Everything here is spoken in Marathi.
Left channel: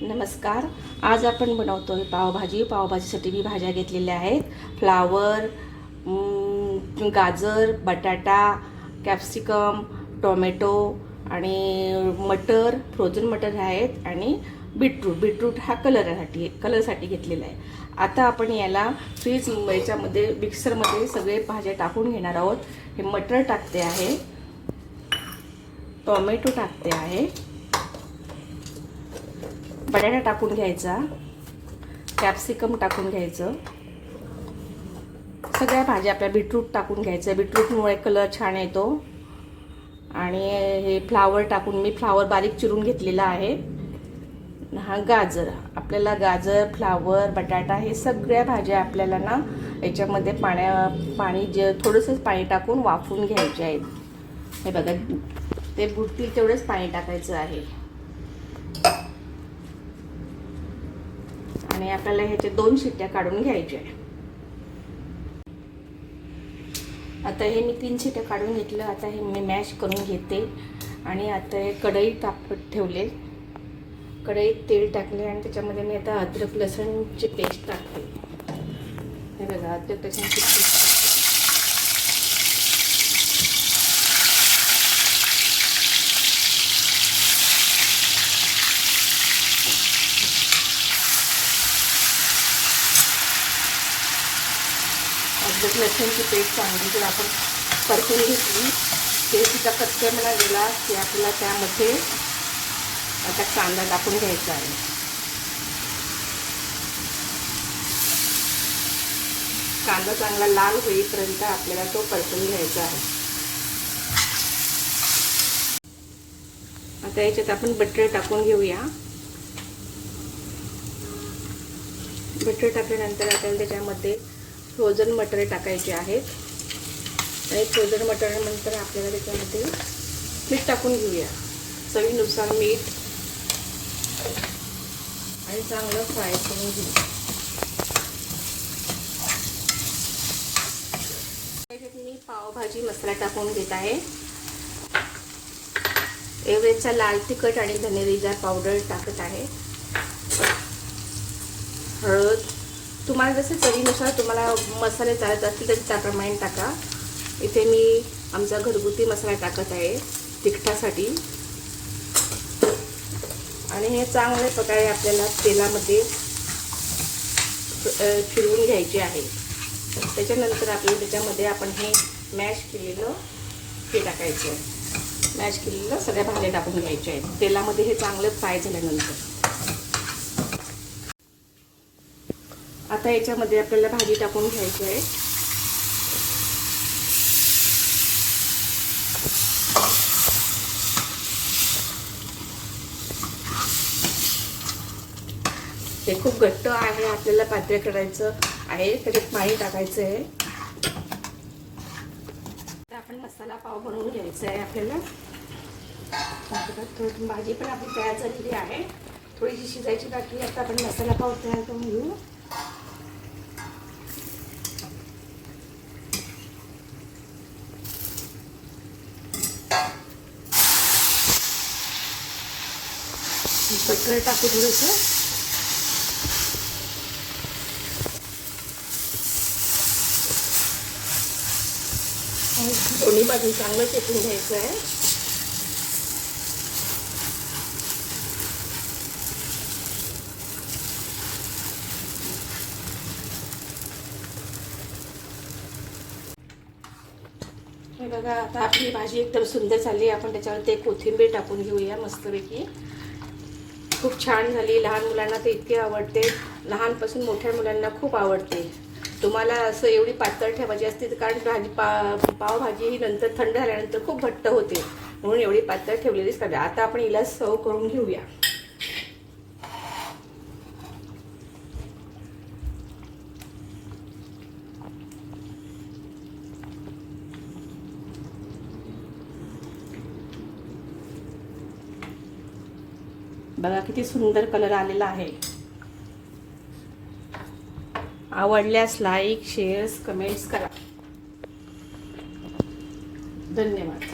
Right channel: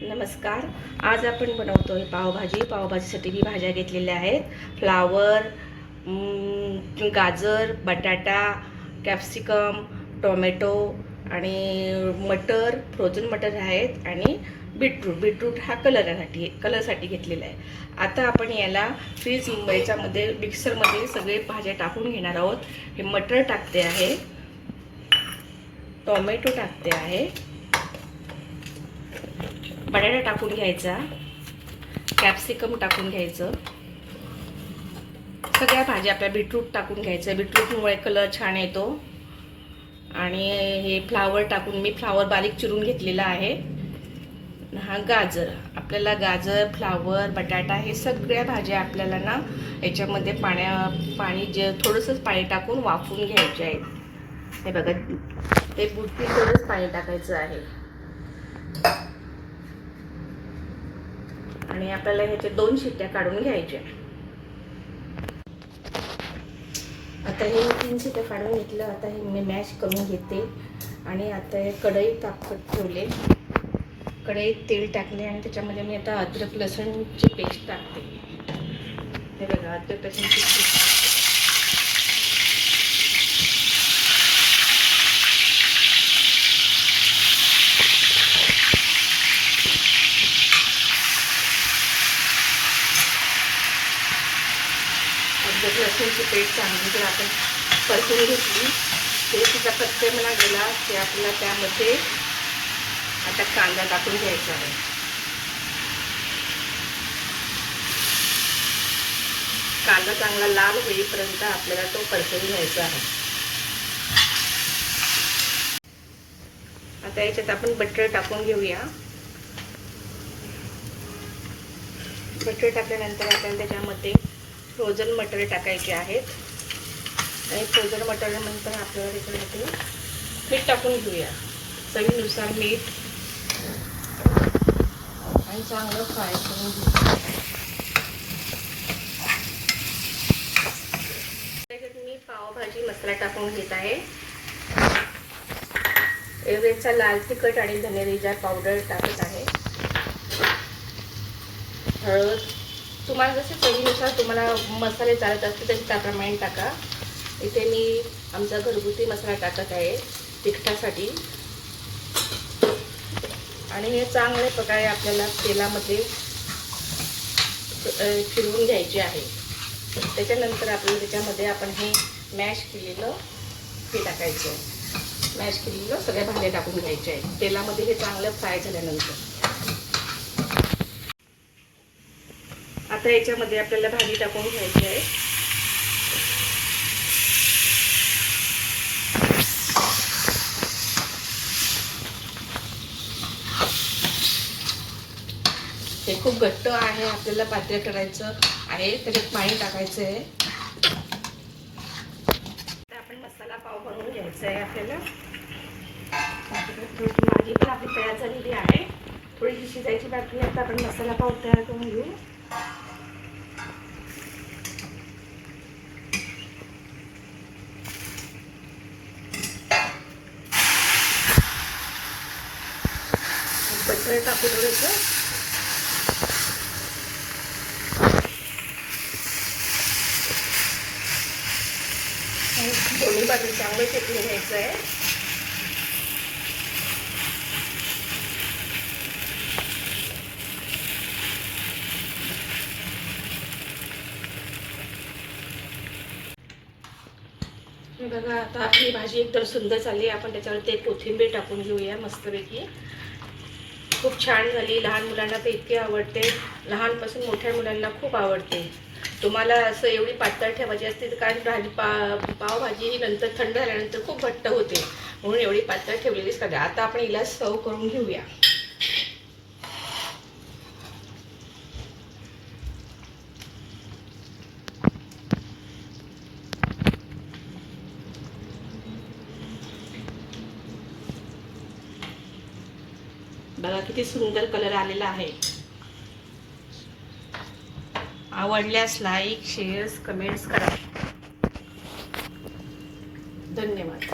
नमस्कार. आज आपण बनवतोय पावभाजी. पावभाजीसाठी मी भाज्या घेतलेल्या आहेत. फ्लावर, गाजर, बटाटा, कॅप्सिकम, टोमॅटो आणि मटर, फ्रोझन मटर आहेत आणि बीटरूट हा कलरसाठी घेतलेला आहे. आता आपण याला याच्यामध्ये मिक्सरमध्ये सगळे भाज्या टाकून घेणार आहोत. हे मटर टाकते आहे, टोमॅटो टाकते आहे, बटाटा टाकून घ्यायचा, कॅप्सिकम टाकून घ्यायचं, सगळ्या भाज्या आपल्या बीटरूट टाकून घ्यायचं. बीटरूटमुळे कलर छान येतो. आणि हे फ्लावर टाकून मी फ्लावर बारीक चिरून घेतलेला आहे. हा गाजर, आपल्याला गाजर, फ्लावर, बटाटा हे सगळ्या भाज्या आपल्याला ना याच्यामध्ये पाणी थोडंसंच पाणी टाकून वाफवून घ्यायचे आहेत. हे बघा, हे बुडतील तेवढंच पाणी टाकायचं आहे. आणि आपल्याला ह्याच्या 2 शिट्ट्या काढून घ्यायच्या. आता हे मी 3 शिट्ट्या काढून घेतलं. आता हे मी मॅश करून घेते. आणि आता हे कढईत तापत ठेवले. कढईत तेल टाकले आणि त्याच्यामध्ये मी आता अद्रक लसूणची पेस्ट टाकते. हे बघा, अद्रक लसूणची पेस्ट. अद्रक लसूणची पेस्ट चांगली जर आपण परतून घेतली, पेस्टचा कच्चेपणा गेला की आपल्याला त्यामध्ये आता कांदा टाकून घ्यायचा आहे. कांदा चांगला लाल होईपर्यंत आपल्याला तो परतून घ्यायचा आहे. आता याच्यात आपण बटर टाकून घेऊया. बटर टाकल्यानंतर आपल्याला त्याच्यामध्ये फ्रोझन मटर टाकायचे आहेत. आणि फ्रोझन मटर नंतर आपल्याला त्याच्यामध्ये मीठ टाकून घेऊया. चवीनुसार मीठ आणि चांगलं फ्राय करून घेऊया. त्याच्यात मी पावभाजी मसाला टाकून घेत आहे. एव्हरेजचा लाल तिखट आणि धनेजिरा पावडर टाकत आहे. हळद, तुम्हाला जसे चवीनुसार तुम्हाला मसाले चालत असतील तसे त्याप्रमाणे टाका. इथे मी आमचा घरगुती मसाला टाकत आहे तिखटासाठी. आणि हे चांगल्या प्रकारे आपल्याला तेलामध्ये फिरवून घ्यायचे आहे. त्याच्यानंतर आपल्याला त्याच्यामध्ये आपण हे मॅश केलेलं हे टाकायचं. मॅश केलेलं सगळ्या भाज्या टाकून घ्यायच्या आहेत तेलामध्ये. हे चांगलं फ्राय झाल्यानंतर आता याच्यामध्ये आपल्याला भाजी टाकून घ्यायची आहे. हे खूप घट्ट आहे, आपल्याला पातळ करायचं आहे. त्याच्यात पाणी टाकायचं आहे. आता आपण मसाला पाव बनवून घ्यायचा आहे आपल्याला. भाजी पण आपली तयार झालेली आहे. थोडीशी शिजायची बाकी. आता आपण मसाला पाव तयार करून घेऊ. बटर टाकू थोडंसं. दोन्ही बाजून चांगलं शेकून घ्यायचं आहे. बघा, आता आपली भाजी एकदम सुंदर झाली. आपण त्याच्यावर ते कोथिंबीर टाकून घेऊया मस्तपैकी. खूप छान झाली. लहान मुलांना ते इतके आवडते. लहानपासून मोठ्या मुलांना खूप आवडते. तुम्हाला असं एवढी पातळ ठेवायची असते कारण पावभाजी ही नंतर थंड झाल्यानंतर खूप घट्ट होते, म्हणून एवढी पातळ ठेवलेलीच करा. आता आपण हिला सर्व करून घेऊया. बघा किती सुंदर कलर आलेला आहे. आवडल्यास लाईक, शेअर्स, कमेंट्स करा. धन्यवाद.